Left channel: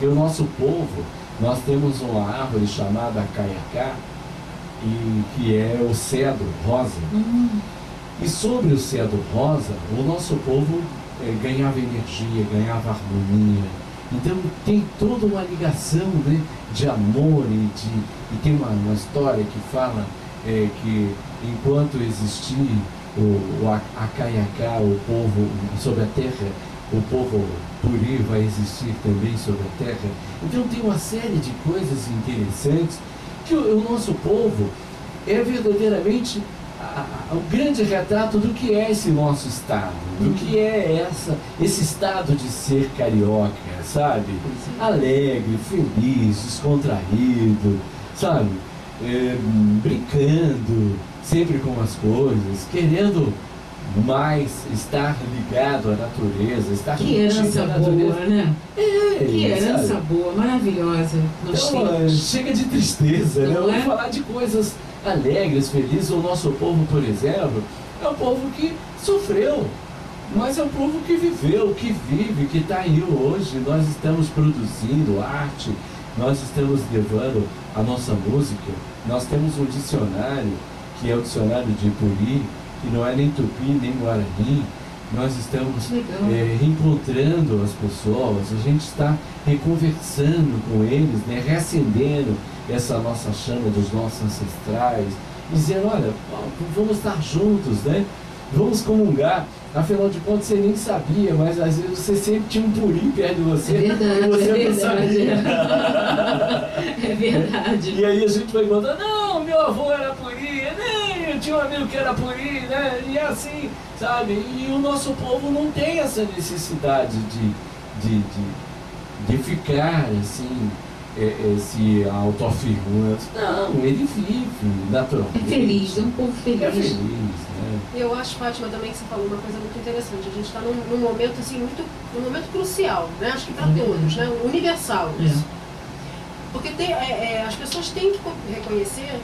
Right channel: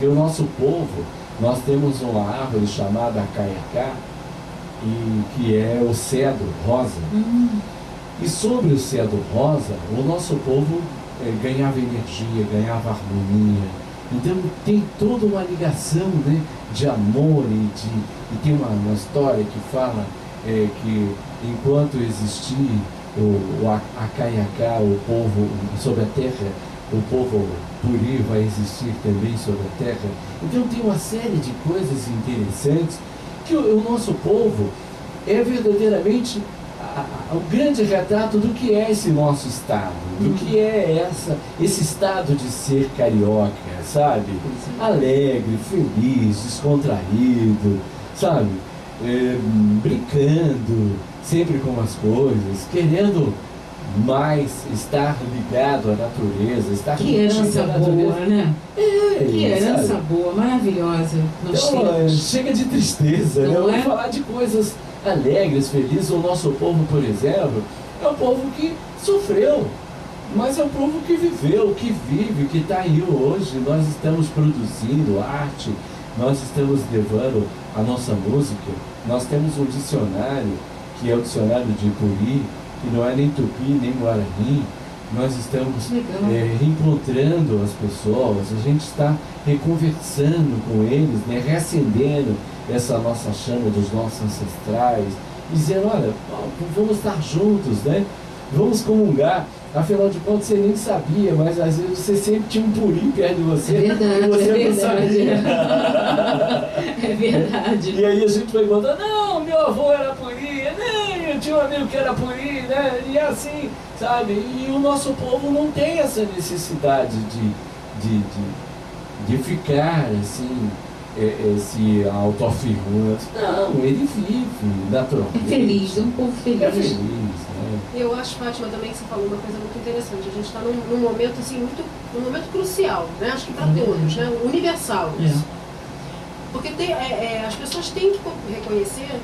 E o nosso povo, nós temos uma árvore chamada acaiacá, que é o cedro rosa. E sobre o cedro rosa, o nosso povo ganhava energia, ganhava harmonia. Então tem toda uma ligação, né, de amor e tem uma história que fala que enquanto existir o acaiacá, o povo sobre a terra, o povo puri vai existir também sobre a terra. Então tem uma série de coisas interessantes que o nosso povo é verdadeiramente o grande retrato do que é esse nosso estado, do que é esse estado de ser carioca, sabe? Alegre, feliz, descontraído, sabe? Brincando sempre com as coisas, querendo mais estar ligado à natureza, estar que herança boa, né? Que herança sabe? Boa, maravilhosa. Então, chega de tristeza, né? Vamos falar de coisas alegres, felizes. O nosso povo, por exemplo, é um povo que sofreu, mas é um povo que viveu, que vive, que está aí hoje. Nós estamos produzindo arte, nós estamos levando a nossa música. Nós temos um dicionário, que é o dicionário de Puri, que não é nem tupi, nem guarani. Nós estamos reencontrando as pessoas, a gente está reconversando com eles, né, reacendendo essa nossa chama dos nossos ancestrais, dizendo, olha, vamos estar juntos, né? Vamos comungar. Afinal de contas, você nem sabia, mas às vezes você sempre tinha um puri perto de você, e você não sabia. É verdade. E aí a gente vai contar, não, meu avô era puri, nem eu tinha um amigo que era puri, né? E assim, sabe? E o nosso povo não tem essa necessidade de ficar assim, se autoafirmando. Não, ele vive naturalmente. É feliz, é um povo feliz. É feliz, né? Eu acho, Fátima, também que você falou uma coisa muito interessante. A gente está num momento assim, num momento crucial, né? Acho que para todos, né? Universal isso. Porque as pessoas têm que reconhecer,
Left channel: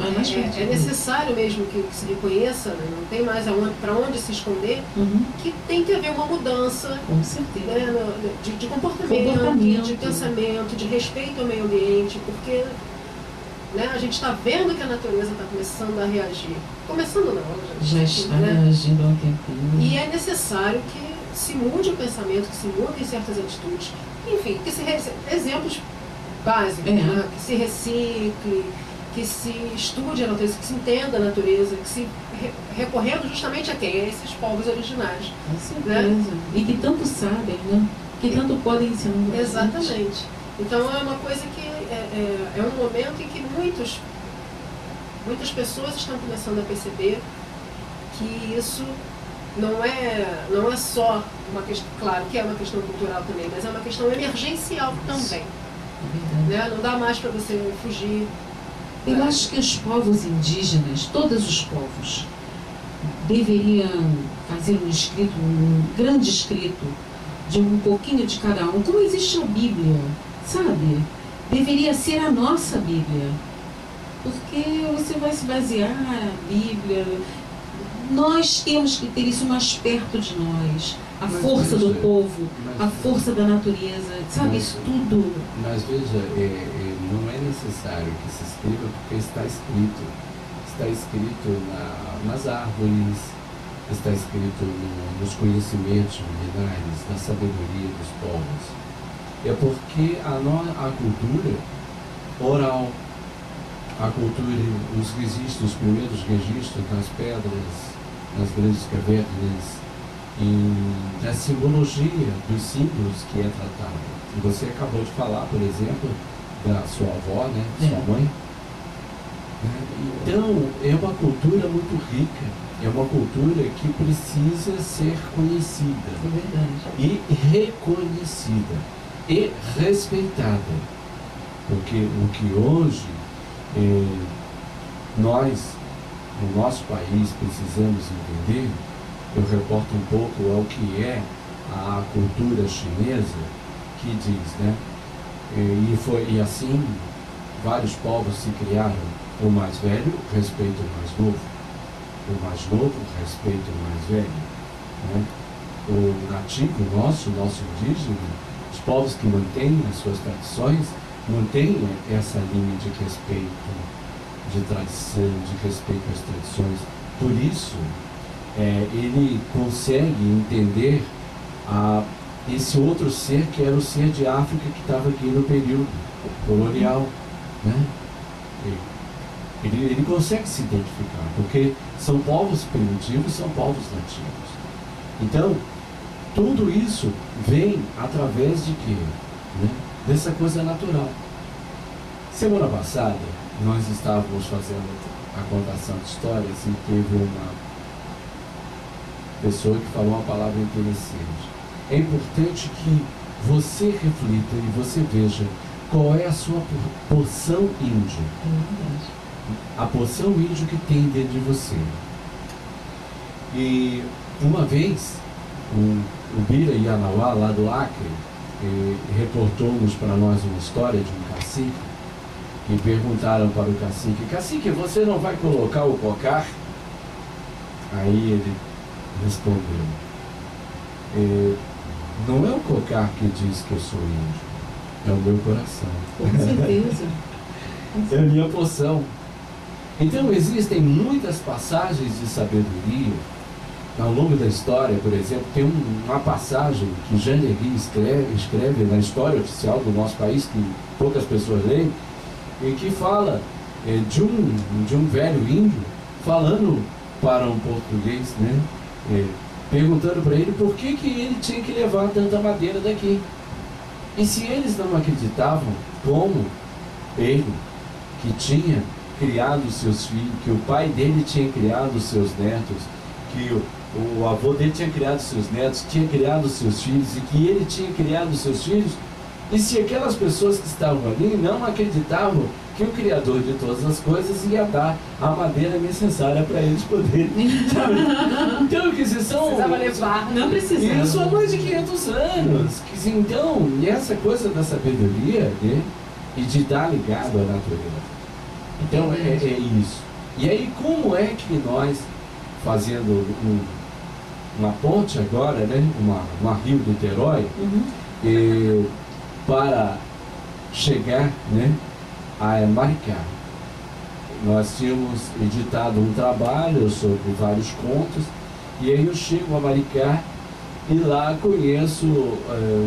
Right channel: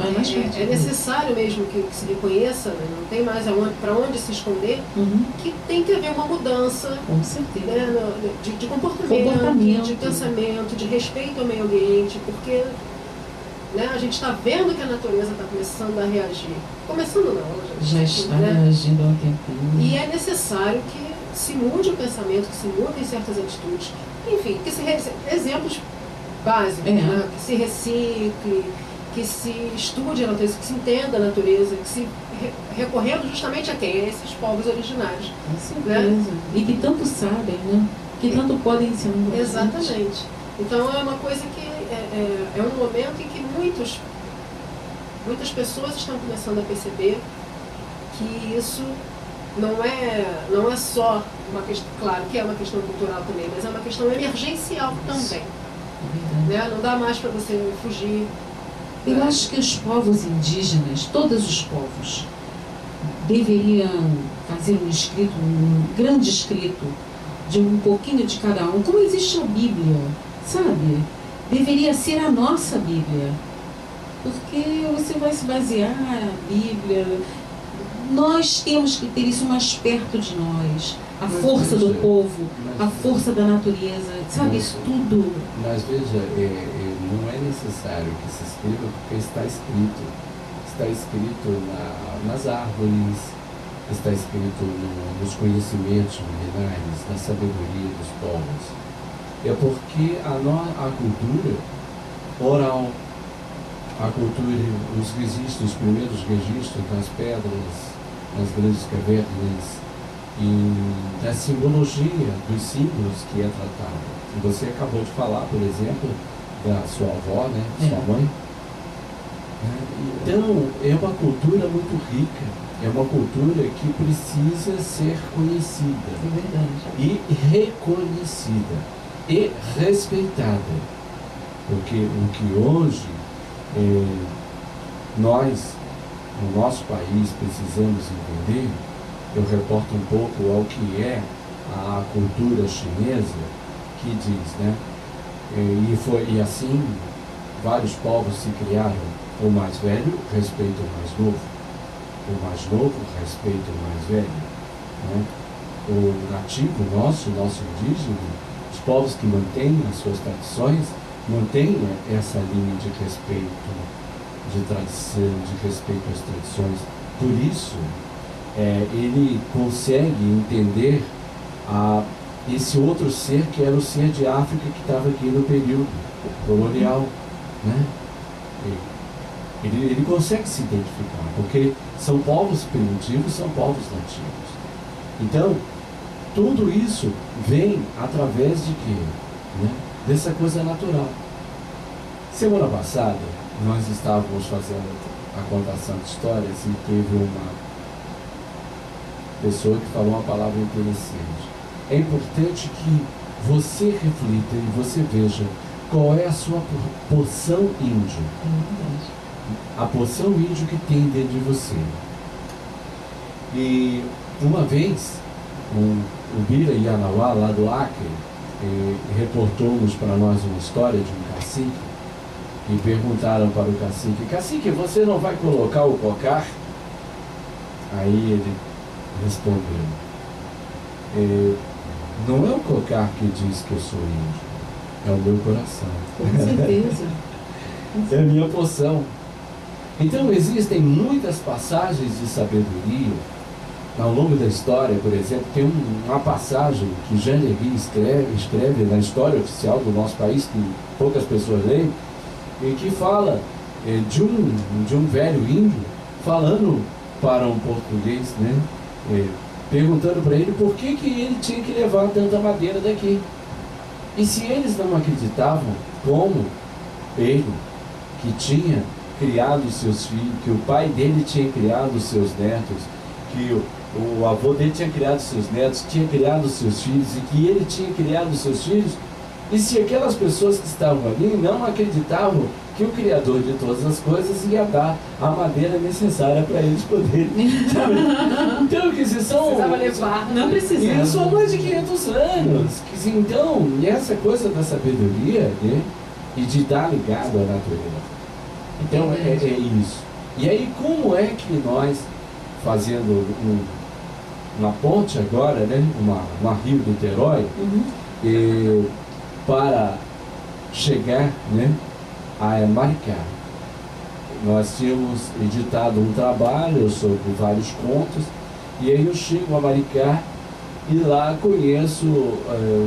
é necessário mesmo que se reconheça, né? Não tem mais para onde se esconder, que tem que haver uma mudança, com certeza, né? de comportamento, de pensamento, de respeito ao meio ambiente, porque, né, a gente está vendo que a natureza está começando a reagir. Começando não, ela já está reagindo há um tempinho. E é necessário que se mude o pensamento, que se mudem certas atitudes, enfim, exemplos básicos, né? Que se recicle, que se estude a natureza, que se entenda a natureza, que se recorrendo justamente a quem? A esses povos originários. Com certeza. Né? E que tanto sabem, né? Que tanto podem ensinar. Exatamente. Então é uma coisa que é um momento em que muitas pessoas estão começando a perceber que isso não é só uma questão, claro que é uma questão cultural também, mas é uma questão emergencial também. Né? Não dá mais para você fugir. Eu acho que os povos indígenas, todos os povos, deveriam fazer um grande escrito de um pouquinho de cada um, como existe a Bíblia, sabe? Deveria ser a nossa Bíblia, porque você vai se basear na Bíblia. Nós temos que ter isso mais perto de nós, a força do povo, a força da natureza, sabe? Isso tudo. Mas veja, não é necessário que se escreva, porque está escrito. Está escrito nas árvores, está escrito nos conhecimentos milenares, na sabedoria dos povos. É porque a cultura oral, a cultura, os registros, os primeiros registros nas pedras, nas grandes cavernas, e da simbologia dos símbolos que é tratado. E você acabou de falar, por exemplo, da sua avó, né? Sua mãe. Então, é uma cultura muito rica, é uma cultura que precisa ser conhecida. É verdade. E reconhecida e respeitada. Porque o que hoje nós, no nosso país, precisamos entender, eu reporto um pouco ao que é a cultura chinesa, que diz, né? E assim, vários povos se criaram. O mais velho respeita o mais novo. O mais novo respeita o mais velho. Né? O nativo nosso indígena, povos que mantêm as suas tradições, mantêm essa linha de respeito, de tradição, de respeito às tradições. Por isso, ele consegue entender esse outro ser que era o ser de África que estava aqui no período colonial, né? Ele consegue se identificar, porque são povos primitivos, são povos nativos. Então, tudo isso vem através de quê? Né? Dessa coisa natural. Semana passada, nós estávamos fazendo a contação de histórias e teve uma pessoa que falou uma palavra interessante. É importante que você reflita e você veja qual é a sua porção índio. A porção índio que tem dentro de você. E uma vez, o Bira Yanauá, lá do Acre, reportou-nos para nós uma história de um cacique, e perguntaram para o cacique: cacique, você não vai colocar o cocar? Aí ele respondeu: não é o cocar que diz que eu sou índio, é o meu coração. Com certeza. É a minha porção. Então existem muitas passagens de sabedoria ao longo da história. Por exemplo, tem uma passagem que Jean Legui escreve na história oficial do nosso país, que poucas pessoas leem, em que fala de um velho índio falando para um português, né? Perguntando para ele por que ele tinha que levar tanta madeira daqui. E se eles não acreditavam, como ele, que tinha criado seus filhos, que o pai dele tinha criado seus netos, que o avô dele tinha criado seus netos, tinha criado seus filhos, e que ele tinha criado seus filhos, e se aquelas pessoas que estavam ali não acreditavam que o Criador de todas as coisas ia dar a madeira necessária para eles poderem. Então, que são... Precisava levar. Não precisava. Isso há mais de 500 anos. Então, essa coisa da sabedoria, né, e de dar ligado à natureza. Então, é isso. E aí, como é que nós, fazendo uma ponte agora, né, uma Rio-Niterói, para chegar, né, a Maricá. Nós tínhamos editado um trabalho sobre vários contos, e aí eu chego a Maricá e lá conheço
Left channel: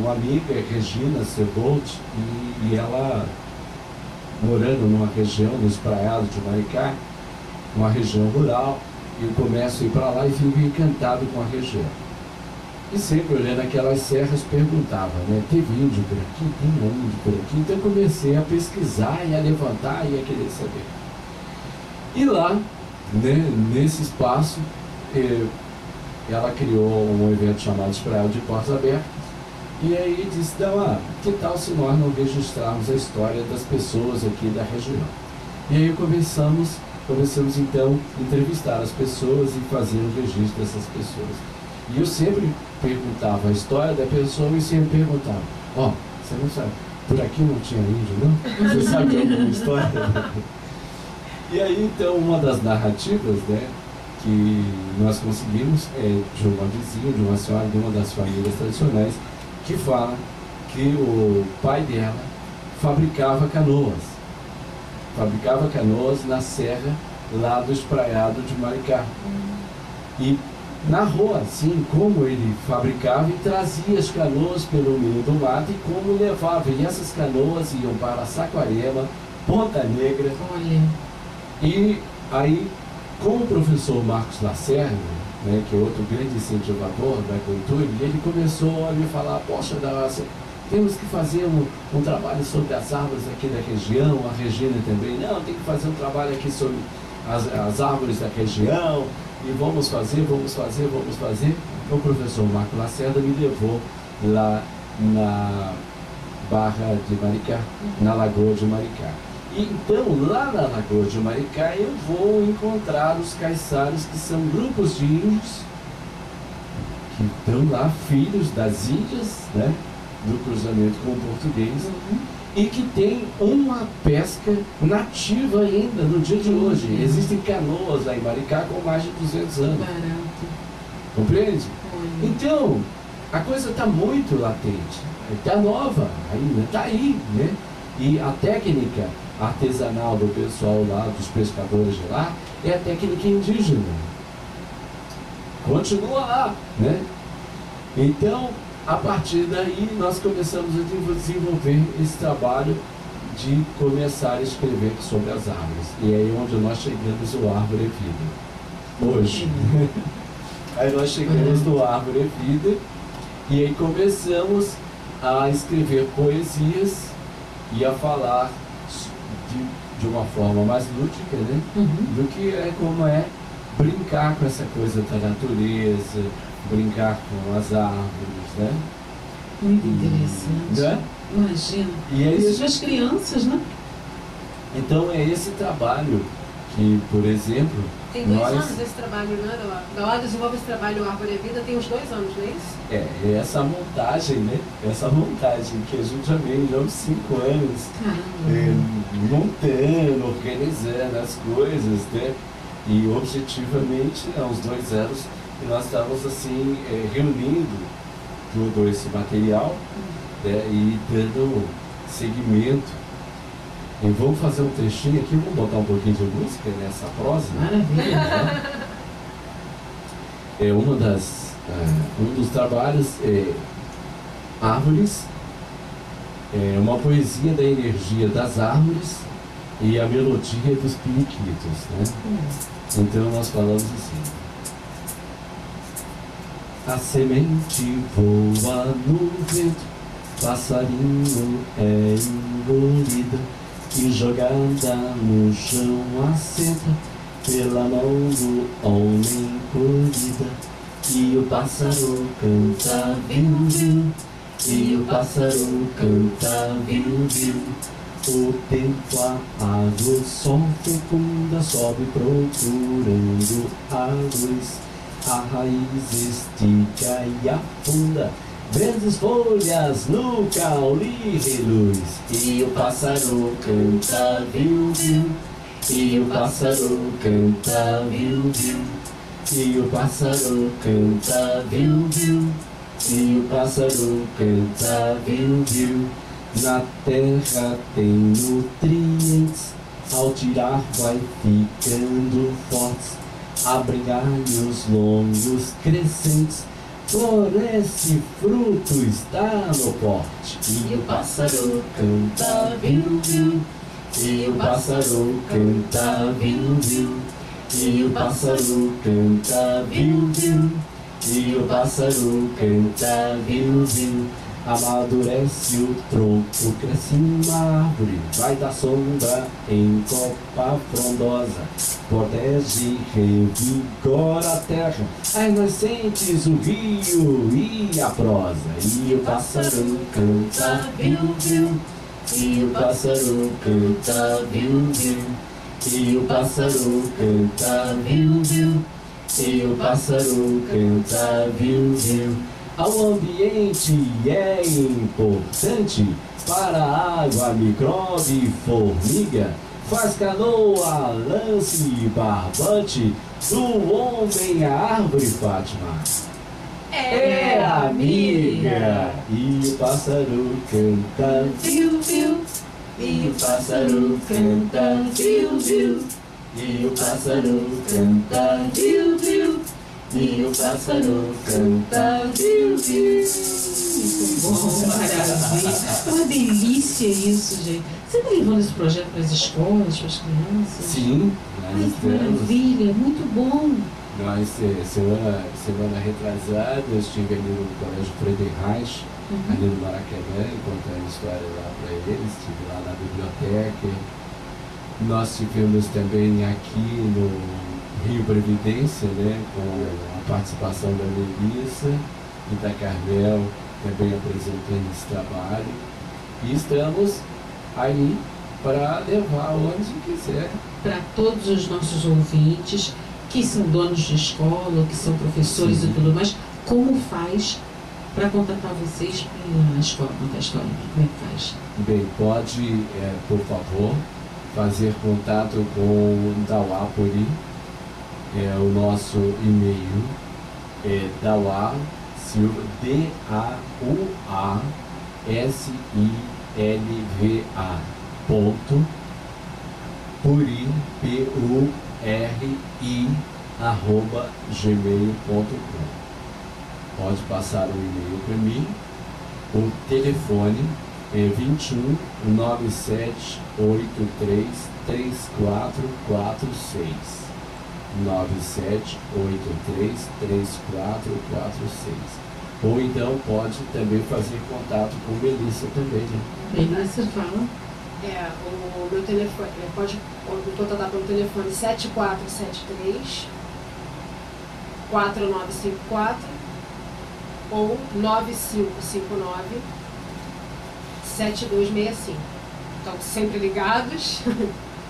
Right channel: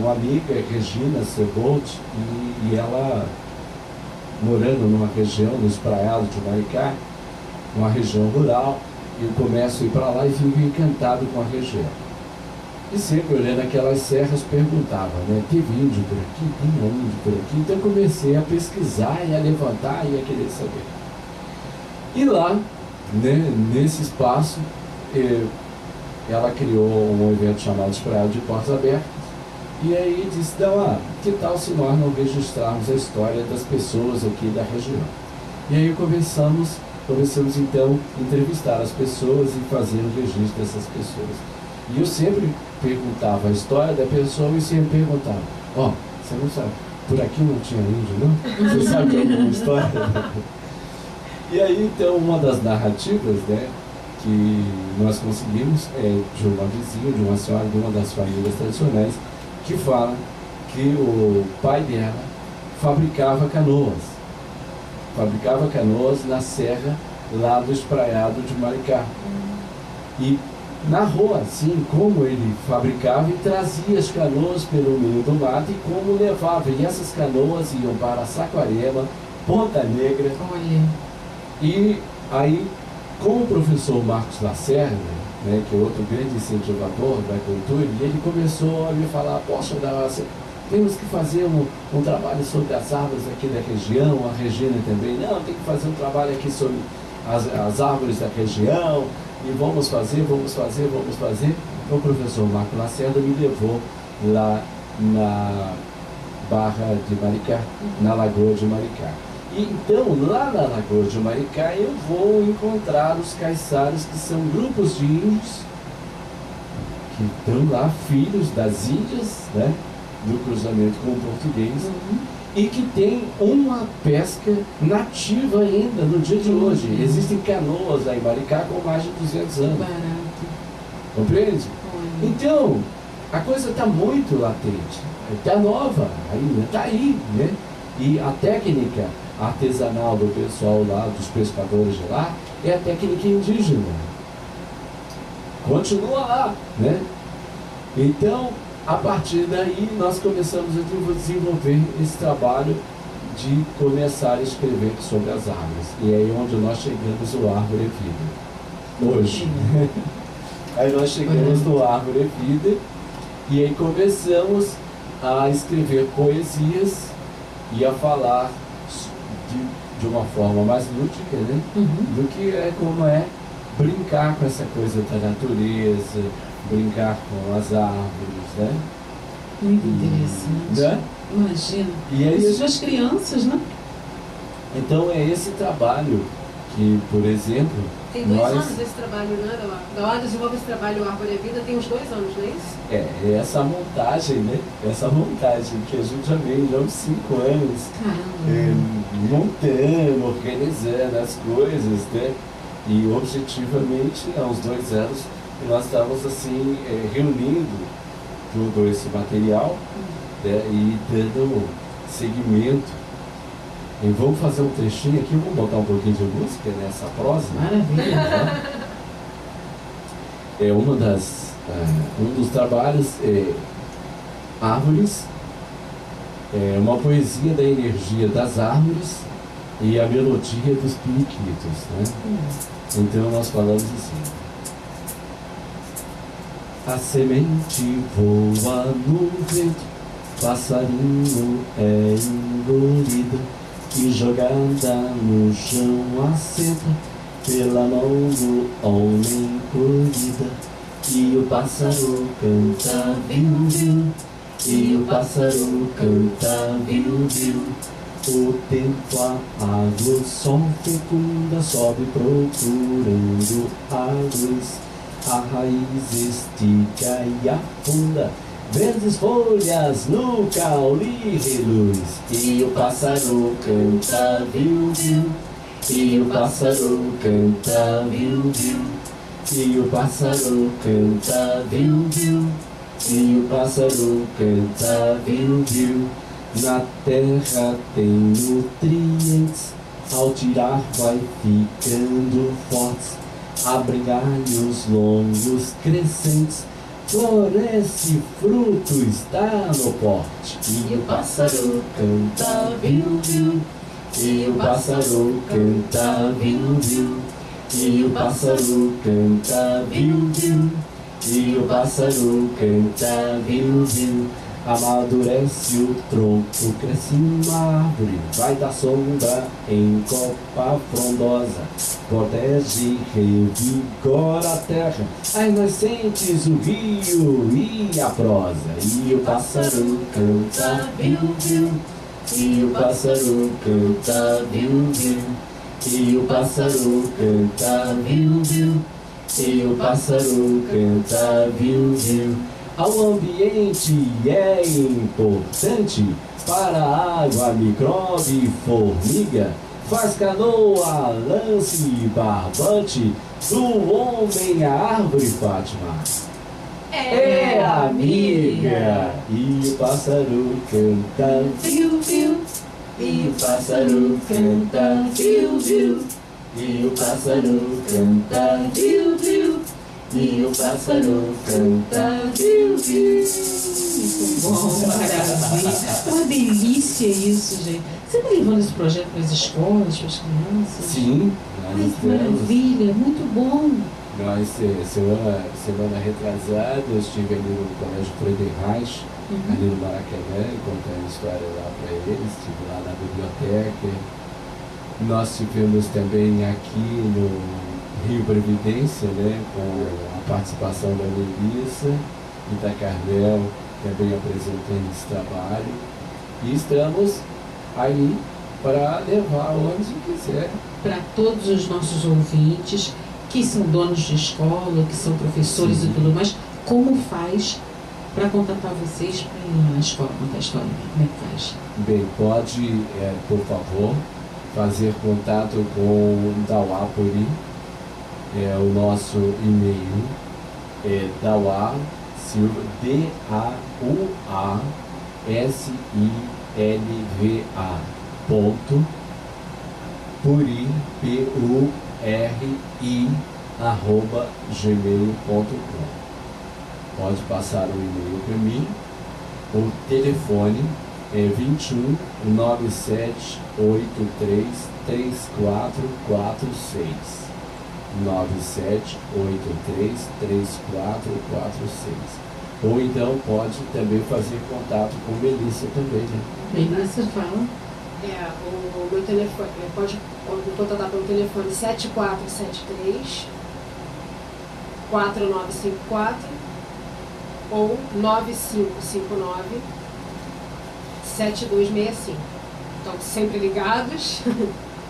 uma amiga, Regina Sebold, e ela, morando numa região, no espraiado de Maricá, uma região rural, eu começo a ir para lá e fico encantado com a região. E sempre olhando aquelas serras perguntava, né? Teve índio por aqui? Tem índio por aqui? Então eu comecei a pesquisar e a levantar e a querer saber. E lá, né, nesse espaço, ela criou um evento chamado Espraiado de Portas Abertas. E aí disse: não, que tal se nós não registrarmos a história das pessoas aqui da região? E aí começamos então a entrevistar as pessoas e fazer o registro dessas pessoas. E eu sempre perguntava a história da pessoa e sempre perguntava: você não sabe, por aqui não tinha índio, não? Você sabe de alguma história? E aí, então, uma das narrativas, né, que nós conseguimos é de uma vizinha, de uma senhora, de uma das famílias tradicionais, que fala que o pai dela fabricava canoas na serra lá do espraiado de Maricá. E narrou assim como ele fabricava e trazia as canoas pelo meio do mato e como levava. E essas canoas iam para Saquarema, Ponta Negra. Olha. E aí, com o professor Marcos Lacerda, né, que é outro grande incentivador da cultura, ele começou a me falar: poxa, temos que fazer um trabalho sobre as árvores aqui da região. A Regina também: não, tem que fazer um trabalho aqui sobre as árvores da região, e vamos fazer. O professor Marcos Lacerda me levou lá na Barra de Maricá, na Lagoa de Maricá. E então, lá na Lagoa de Maricá, eu vou encontrar os caiçaras, que são grupos de índios que estão lá, filhos das Índias, né, do cruzamento com o português, e que tem uma pesca nativa ainda no dia de hoje. Existem canoas lá em Maricá com mais de 200 anos. Barato. Compreende? Olha. Então, a coisa está muito latente. está nova ainda, está aí, né? E a técnica artesanal do pessoal lá, dos pescadores de lá, é a técnica indígena. Continua lá, né? Então, a partir daí, nós começamos a desenvolver esse trabalho de começar a escrever sobre as árvores. E é aí onde nós chegamos no Árvore Vida. Hoje. Aí nós chegamos no Árvore Vida e aí começamos a escrever poesias e a falar de uma forma mais lúdica, né? Do que é como é brincar com essa coisa da natureza, brincar com as árvores, né? Muito interessante. Né? Imagina. E aí, isso das crianças, né? Então é esse trabalho que, por exemplo, tem 2 anos esse trabalho, né? Dauá desenvolve esse trabalho Árvore é Vida tem uns 2 anos, não é isso? É essa montagem, né? Essa montagem que a gente já vem há uns 5 anos montando, organizando as coisas, né? E objetivamente, há uns 2 anos, nós estávamos assim, reunindo todo esse material, né? E dando seguimento. E vamos fazer um trechinho aqui, vamos botar um pouquinho de música nessa prosa. Maravilha. É um dos trabalhos Árvores, uma poesia da energia das árvores e a melodia dos periquitos, né? Então nós falamos assim: a semente voa no vento, passarinho é engolido, e jogada no chão assenta pela mão do homem colhida. E o pássaro canta viu, viu, e o pássaro canta viu, viu. O tempo apaga, o sol fecunda, sobe procurando a luz. A raiz estica e afunda, verdes folhas no caule reluz. E o pássaro canta viu, viu, e o pássaro canta viu, viu. E o pássaro canta viu, viu, e o pássaro canta viu, viu. Na terra tem nutrientes, ao tirar vai ficando fortes. Abrem galhos longos crescentes, floresce fruto está no porte. E o pássaro canta viu, viu, e o pássaro canta viu, viu. E o pássaro canta viu, viu, e o pássaro canta viu, viu. Amadurece o tronco, cresce uma árvore, vai dar sombra em copa frondosa, protege, revigora a terra, as nascentes, o rio e a prosa. E o pássaro canta viu, viu, e o pássaro canta viu, viu, e o pássaro canta viu, viu, e o pássaro canta viu, viu. Ao ambiente é importante, para a água, micróbio e formiga, faz canoa, lance e barbante, do homem a árvore, Fátima é amiga. E o pássaro canta viu, viu, e o pássaro canta viu, viu, e o pássaro canta viu, viu, e o pássaro canta viu, viu. Muito bom, maravilha. Uma delícia isso, gente. Você está levando esse projeto para as escolas, para as crianças? Sim, ai, que maravilha, muito bom. Nós, semana retrasada, eu estive ali no Colégio Friedrich Reich, ali no Maracanã, contando a história lá para eles, estive lá na biblioteca. Nós tivemos também aqui no Rio Previdência, né, com a participação da Melissa e da Carmel, também apresentando esse trabalho. E estamos aí para levar onde quiser. Para todos os nossos ouvintes, que são donos de escola, que são professores e tudo mais, como faz para contatar vocês para a escola contar a história? Como é que faz? Bem, pode, por favor, fazer contato com o Dauá-Puri. O nosso e-mail é Dauá Silva, DAUA silva, ponto, puri, P-U-R-I, @gmail.com. Pode passar um e-mail para mim. O telefone é 21 97 83 3446. 97 83 3446. Ou então pode também fazer contato com Melissa também, né? Melissa fala. O meu telefone, pode contatar pelo telefone 7473 4954 ou 9559 7265. Então, sempre ligados.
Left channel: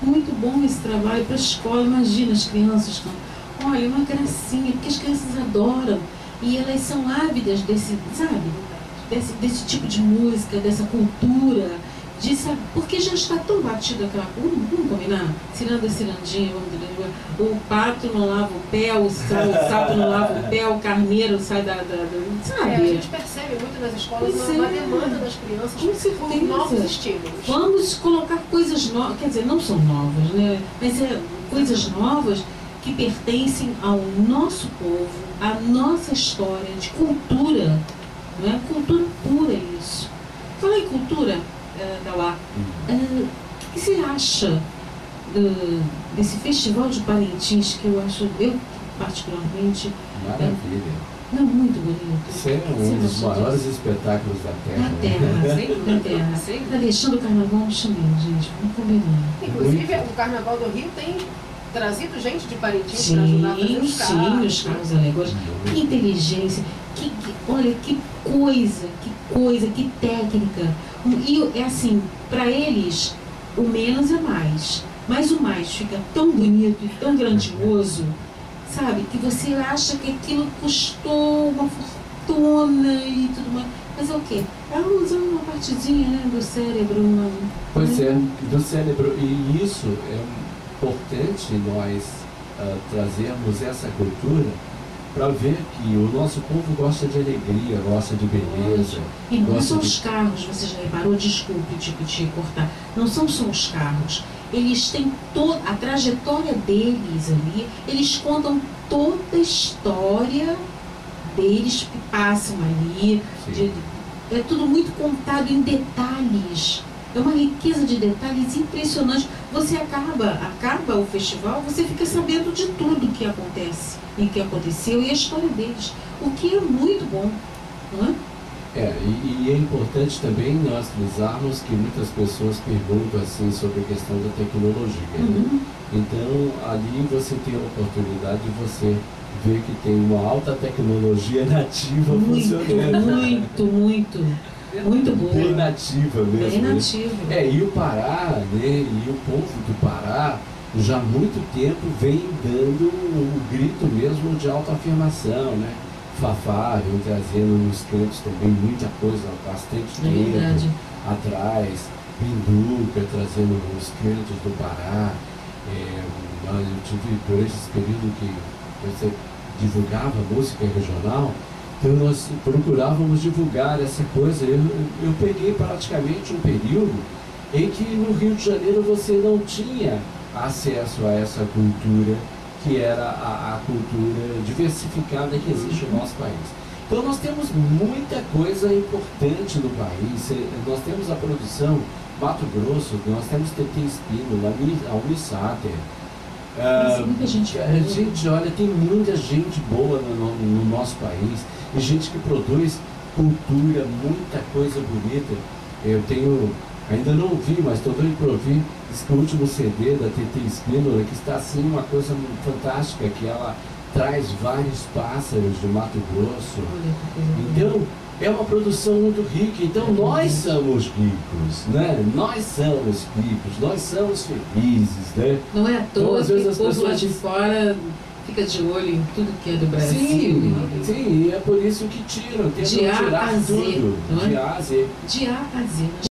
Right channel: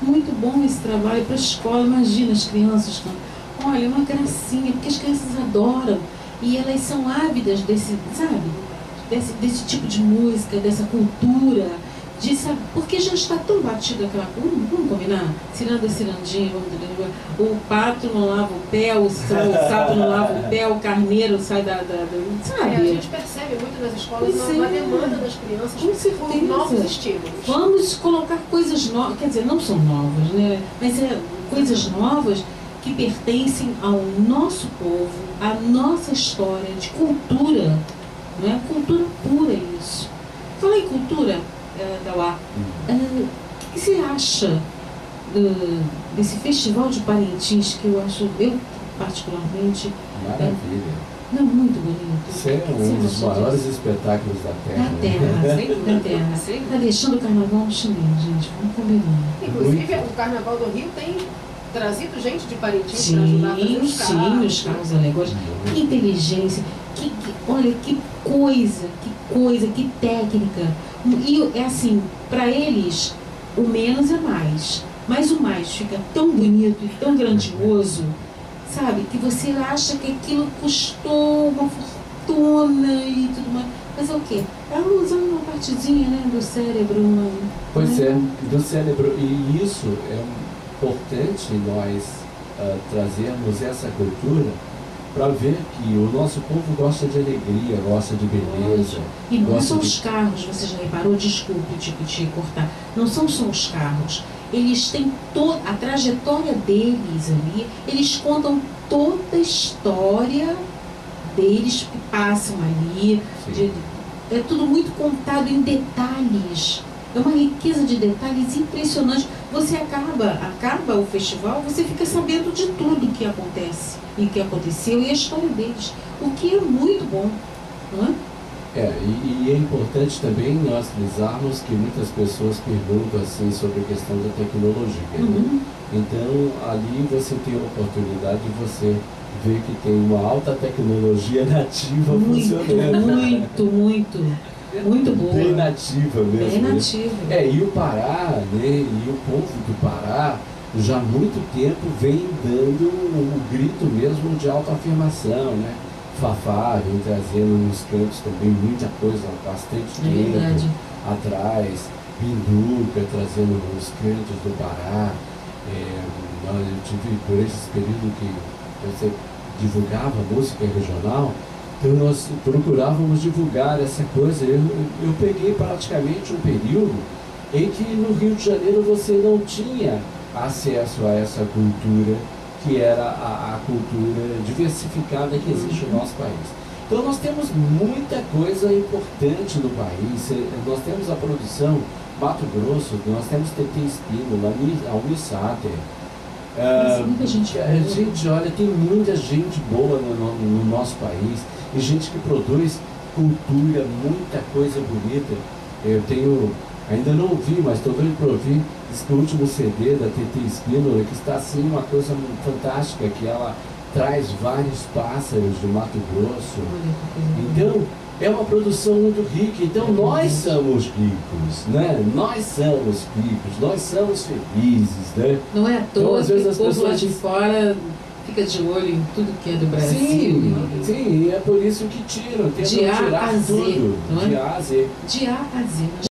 Muito bom esse trabalho para a escola. Imagina as crianças. Olha, uma gracinha, porque as crianças adoram. E elas são ávidas desse, sabe? Desse tipo de música, dessa cultura. Porque já está tão batido aquela coisa. Vamos combinar? Ciranda, cirandinha, o pato não lava o pé, o sapo não lava o pé, o carneiro sai sabe? A gente percebe muito nas escolas uma demanda das crianças por novos estímulos. Vamos colocar coisas novas, quer dizer, não são novas, né? Mas coisas novas que pertencem ao nosso povo, à nossa história, de cultura, né? Cultura pura isso. Falar em cultura, Dauá, o que você acha desse festival de Parintins, que eu acho, particularmente... Maravilha. Muito bonito. Isso é um dos maiores espetáculos da Terra. Da Terra. Está deixando o carnaval no chinês, gente. Vamos combinar. Inclusive, o Carnaval do Rio tem trazido gente de Parintins para ajudar a fazer os carros. Sim, os carros alegóricos. Que inteligência. Olha, que coisa, que técnica. E é assim, para eles, o menos é mais. Mas o mais fica tão bonito e tão grandioso, sabe? Que você acha que aquilo custou uma fortuna e tudo mais. Mas é o quê? É usando uma partezinha, né, do cérebro. Pois é, do cérebro. E isso é importante nós trazermos essa cultura para ver que o nosso povo gosta de alegria, gosta de beleza. E não são os carros, você já reparou? Desculpe te cortar. Não são só os carros. Eles têm toda a trajetória deles ali, eles contam toda a história deles que passam ali. É tudo muito contado em detalhes. É uma riqueza de detalhes impressionante. Você acaba o festival, você fica sabendo de tudo que acontece e que aconteceu e a história deles, o que é muito bom, não é? E é importante também nós frisarmos que muitas pessoas perguntam assim sobre a questão da tecnologia. Né? Então, ali você tem a oportunidade de você ver que tem uma alta tecnologia nativa funcionando. Muito boa. Bem nativa mesmo. Bem nativa. E o Pará, né, e o povo do Pará, já há muito tempo vem dando o grito mesmo de autoafirmação, né? Fafá vem trazendo nos cantos também muita coisa, bastante tempo atrás. Pinduca trazendo nos cantos do Pará. Eu tive durante esse período que você divulgava música regional, então nós procurávamos divulgar essa coisa. Eu peguei praticamente um período em que no Rio de Janeiro você não tinha acesso a essa cultura, que era a cultura diversificada que existe no nosso país. Então nós temos muita coisa importante no país. Nós temos a produção Mato Grosso, nós temos TT Espino, a Unisater. Gente, olha, tem muita gente boa no nosso país, e gente que produz cultura, muita coisa bonita. Eu tenho, ainda não ouvi, mas estou doido para ouvir, diz que o último CD da TT Espino, que está assim uma coisa fantástica, que ela traz vários pássaros de Mato Grosso. Então, é uma produção muito rica. Então, nós somos ricos, né? Nós somos ricos, nós somos felizes, né? Não é à toa então, que o povo lá de fora fica de olho em tudo que é do Brasil. Sim, e é por isso que tiram, tentam tirar tudo. De A a Z. De A a Z.